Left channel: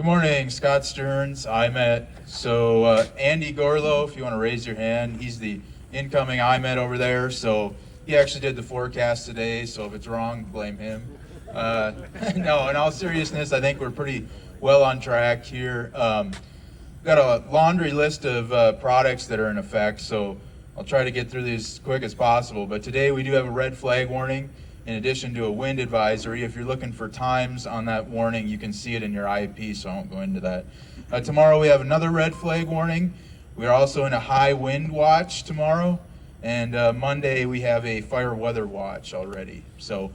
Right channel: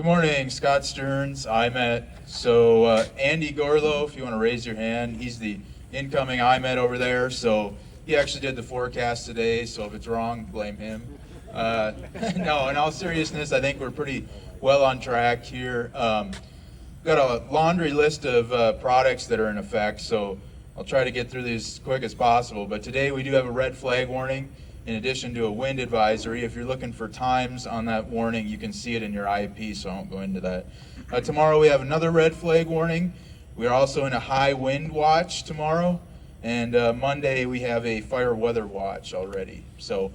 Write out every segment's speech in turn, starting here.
Good morning, Scott Stearns, IMET. So Andy Gorlow, if you want to raise your hand, he's the incoming IMET over there. So he actually did the forecast today, so if it's wrong, blame him. No, in all seriousness, I think we're pretty well on track here. Got a laundry list of products that are in effect, so I'll try to get through these as quick as possible. But today we do have a red flag warning in addition to a wind advisory. If you're looking for times on that warning, you can see it in your IEP, so I won't go into that. Tomorrow we have another red flag warning. We are also in a high wind watch tomorrow. And Monday we have a fire weather watch already. So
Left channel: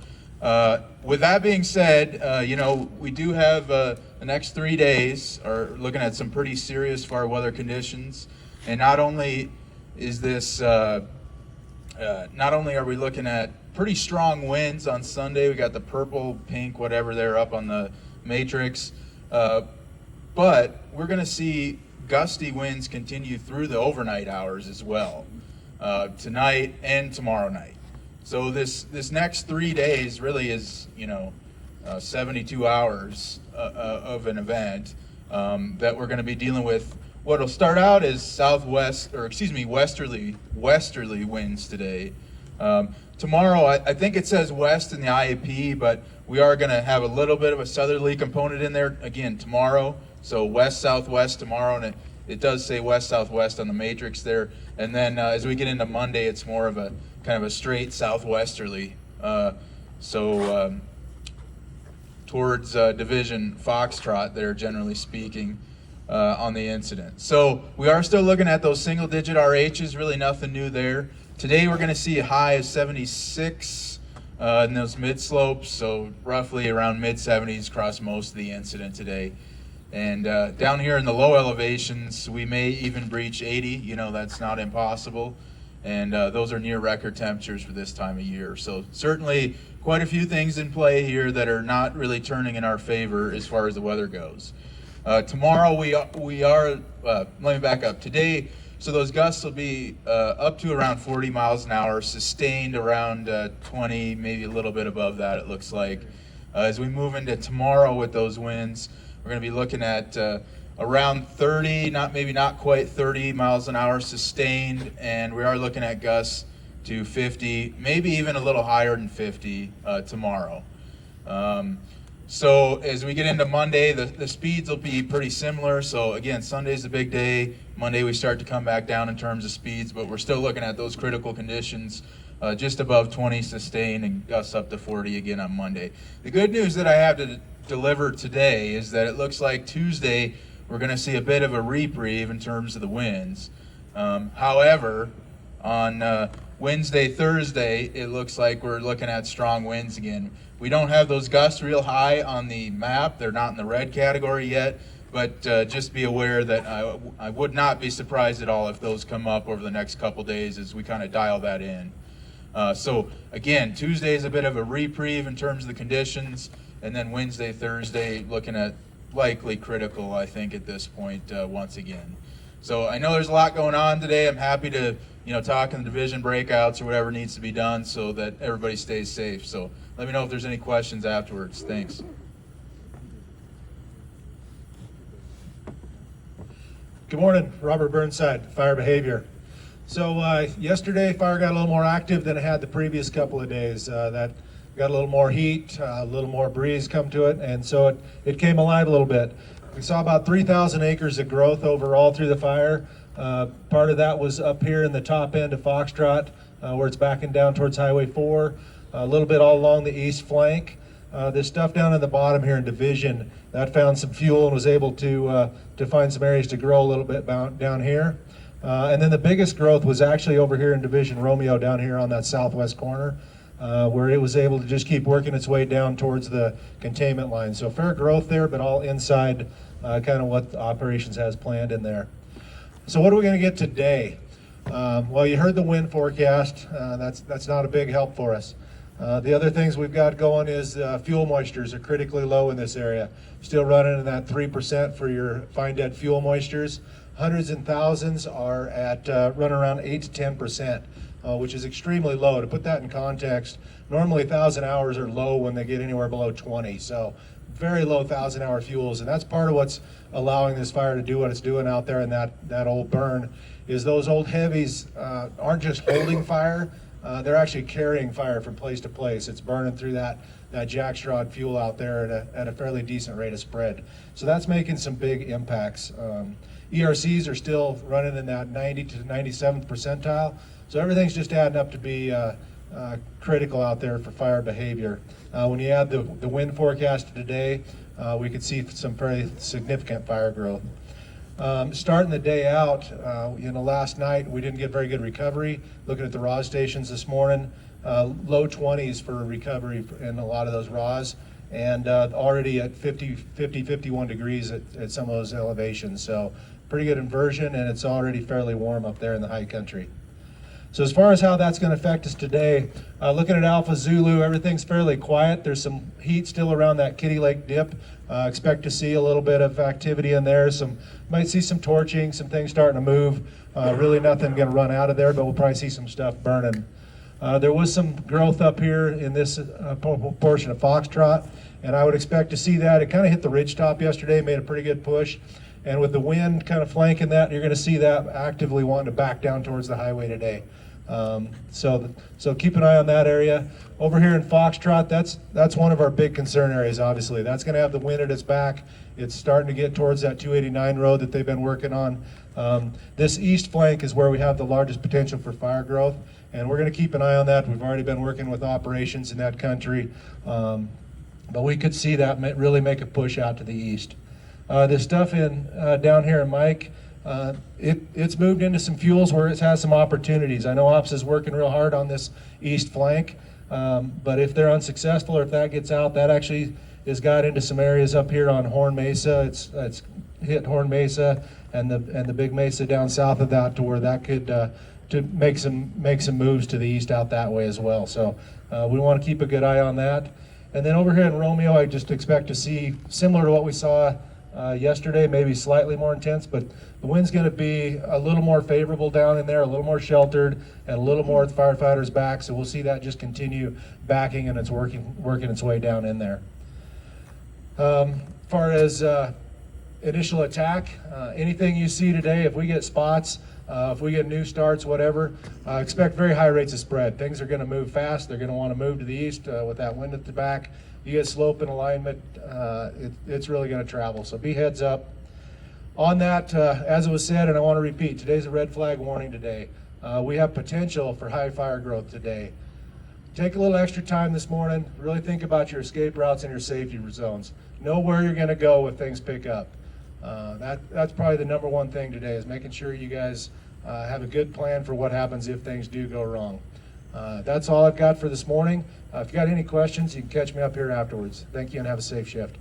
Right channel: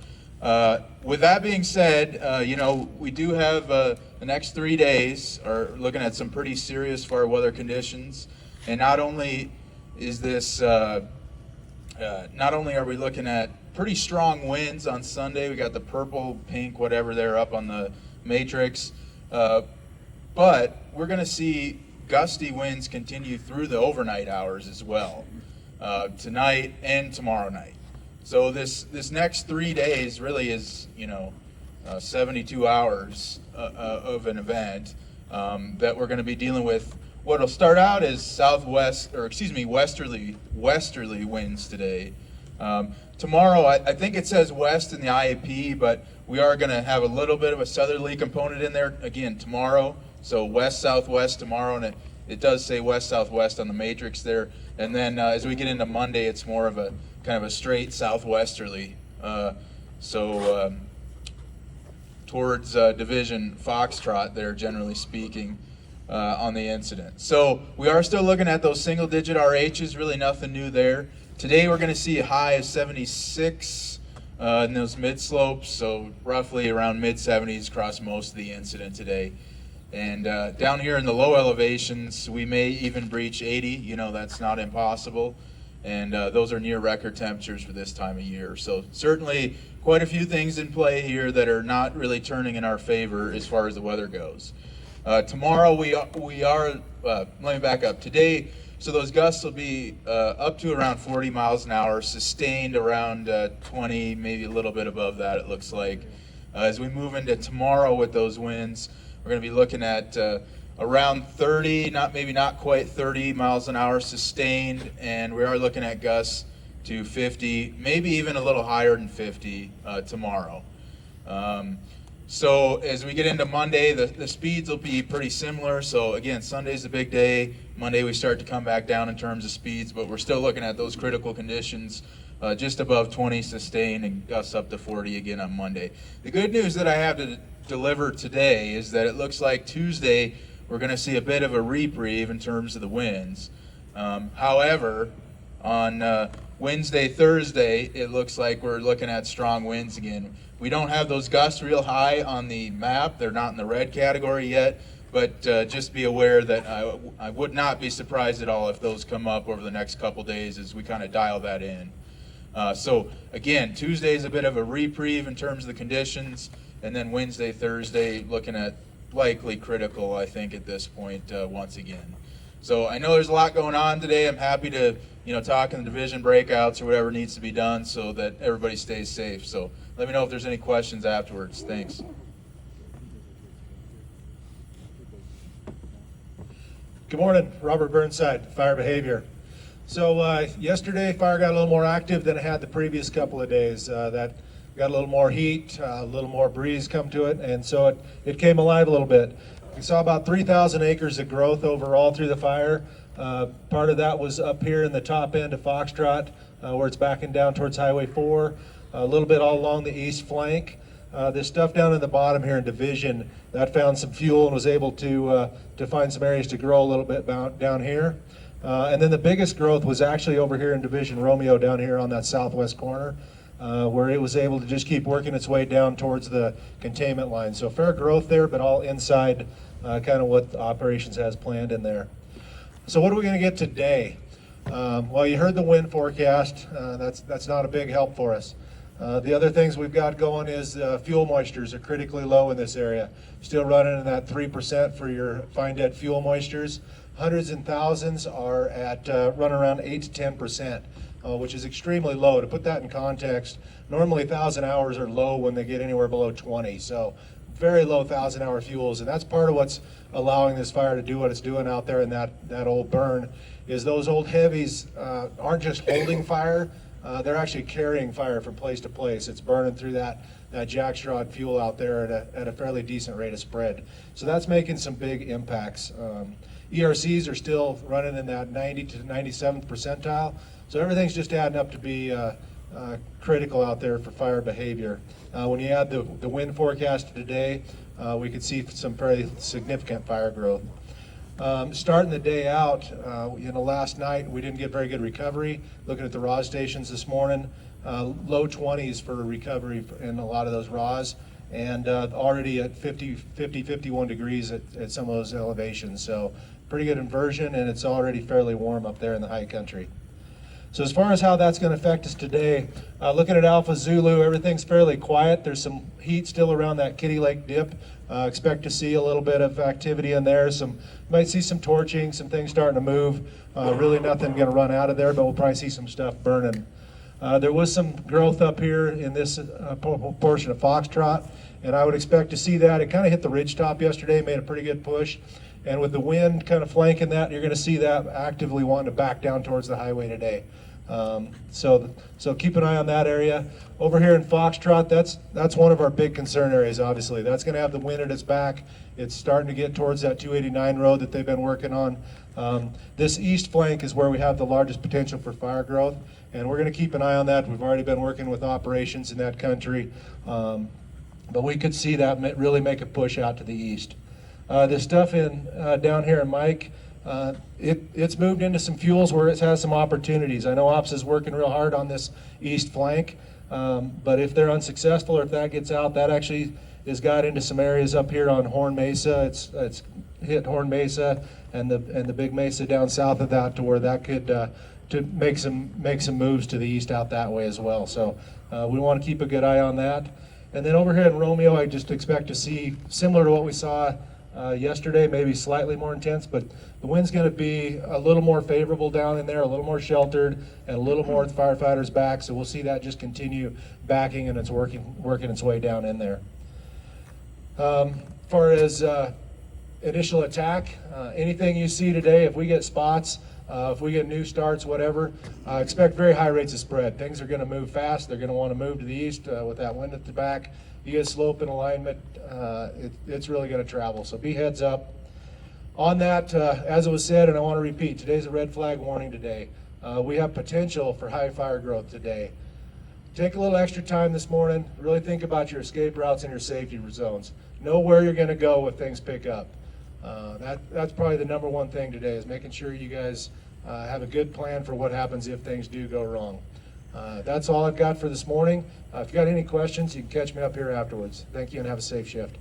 with that being said, we do have the next 3 days are looking at some pretty serious fire weather conditions. And not only is this, not only are we looking at pretty strong winds on Sunday, we got the purple, pink, whatever they're up on the matrix, but we're going to see gusty winds continue through the overnight hours as well, tonight and tomorrow night. So this next 3 days really is 72 hours of an event that we're going to be dealing with. What'll start out as westerly winds today. Tomorrow, I think it says west in the IAP, but we are going to have a little bit of a southerly component in there again tomorrow. So west-southwest tomorrow, and it does say west-southwest on the matrix there. And then as we get into Monday, it's more of a kind of a straight southwesterly. Towards Division Foxtrot there, generally speaking, on the incident. So we are still looking at those single-digit RHs, really nothing new there. Today we're going to see a high of 76 in those mid-slopes, so roughly around mid-70s across most of the incident today. And down here in the low elevations, we may even breach 80. That's not impossible. And those are near record temperatures for this time of year. So certainly quite a few things in play here that are not really turning in our favor as far as the weather goes. Tomorrow let me back up. Today, so those gusts will be up to around 40 miles an hour, sustained around 20, maybe a little bit above that, it looks like. As we move into tomorrow with those winds, we're going to be looking at around 30, not quite 30 miles an hour sustained, and we are looking at gusts to 50, maybe even a little higher than 50 tomorrow. So as we get into Monday, the speeds will be pretty similar. So again, Sunday's a big day. Monday we start to come back down in terms of speeds, but we're still looking at those critical conditions, just above 20 sustained and gusts up to 40 again on Monday. The good news that I have to deliver today is that it looks like Tuesday we're going to see a bit of a reprieve in terms of the winds. However, on Wednesday, Thursday, it looks like we're looking at strong winds again. We don't have those gusts real high on the map. They're not in the red category yet, but just be aware that I would not be surprised at all if those come up over the next couple days as we kind of dial that in. So again, Tuesday is a bit of a reprieve in terms of the conditions, and then Wednesday, Thursday, looking at likely critical, I think, at this point once again. So I know there's a lot going on today. I'm happy to talk in the division breakouts or whatever needs to be done so that everybody stays safe. So let me know if there's any questions afterwards. Thanks. Good morning, Robert Burnside, Fire Behavior. So yesterday, fire got a little more active than it had the previous couple of days. That got a little more heat, a little more breeze come to it, and so it came alive a little bit. We saw about 3,000 acres of growth overall through the fire. Part of that was up here in the top end of Foxtrot, where it's backing down towards Highway 4, a little bit all along the east flank. This stuff down in the bottom here in Division, that found some fuel and was able to find some areas to grow a little bit down here. And then the biggest growth was actually over here in Division Romeo, down here on that southwest corner, where it was able to just keep working its way down towards the containment line. So fair growth there, but all inside kind of what operations has planned in there. So what are we going to get today? Well, you heard the wind forecast. That's not a big help for us. The other things we've got going is fuel moistures are critically low in this area. Still running in that 3% for your fine dead fuel moistures. Hundreds and thousands are at running around 8 to 10% which is extremely low. To put that in context, normally 1,000 hours are low when they get anywhere below 20. So very low 1,000-hour fuels, and that's part of what's allowing this fire to do what it's doing out there in that old burn, is those old heavies aren't just holding fire, they're actually carrying fire from place to place. It's burning through that jackstraw fuel out there at a fairly decent rate of spread. So that's making some big impacts. ERCs are still running in that 90 to 97th percentile, so everything's just adding up to be critical out there for fire behavior. When you add the wind forecast today, we could see some very significant fire growth. Starting the day out, last night we didn't get very good recovery. Looking at the RAW stations this morning, low 20s for recovery in a lot of those RAWs, and already at 51 degrees at some of those elevations. So pretty good inversion, and it's already fairly warm up there in the high country. So as far as how that's going to affect us today, looking at Alpha Zulu, everything's fairly quiet. There's some heat still around that Kitty Lake dip. Expect to see a little bit of activity in there. Might see some torching, some things starting to move. Really nothing going to run out of there, but we'll probably see some stuff burning. There was some growth up here in this portion of Foxtrot, and I would expect to see that. It kind of hit the ridge top yesterday, made a pretty good push. And with the wind kind of flanking that, you're going to see that actively wanting to back down towards the highway today. So keep an eye on that area. Over here in Foxtrot, that's one of our big concern areas, obviously. That's going to have the wind at its back. It's starting to get towards that 289 road that they've been working on. This east flank is where we have the largest potential for fire growth, and we're going to keep an eye on that. We've already been working with operations in that country, but we could see that really make a push out to the east. This stuff down here in Mike, it's moved into some fuels where it has some opportunities. I know Ops is working real hard on this east flank, but if they're unsuccessful or if that gets out, that actually has got into some areas up here on Horn Mesa. It's hit Horn Mesa and the big mesa down south of that, to where that could to make some moves to the east out that way as well. So we want to keep a good eye on that. And then over here in Romeo, I just expect to see similar to what we saw yesterday, maybe slightly more intense, but the wind's going to be a little more favorable down in there, a little more sheltered, and a little more with firefighters back. So we'll see that just continue backing, and it's working its way down in there. As far as initial attack, anything you see today, if we get spots, if we get new starts, whatever, expect very high rates of spread. Things are going to move fast. They're going to want to move to the east with that wind at the back. You get slope and alignment, it's really going to travel. So be heads up. On that, as it was said, and I want to repeat, today's a red flag warning today. We have potential for high fire growth today. Take a little extra time this morning. Really think about your escape routes and your safety zones. Know where you're going to go if things pick up. That's probably the number one thing today, is making sure you guys have a good plan for what happens if things do go wrong. That's all I've got for this morning. If you got any questions, you can catch me up here afterwards. Thank you and have a safe shift.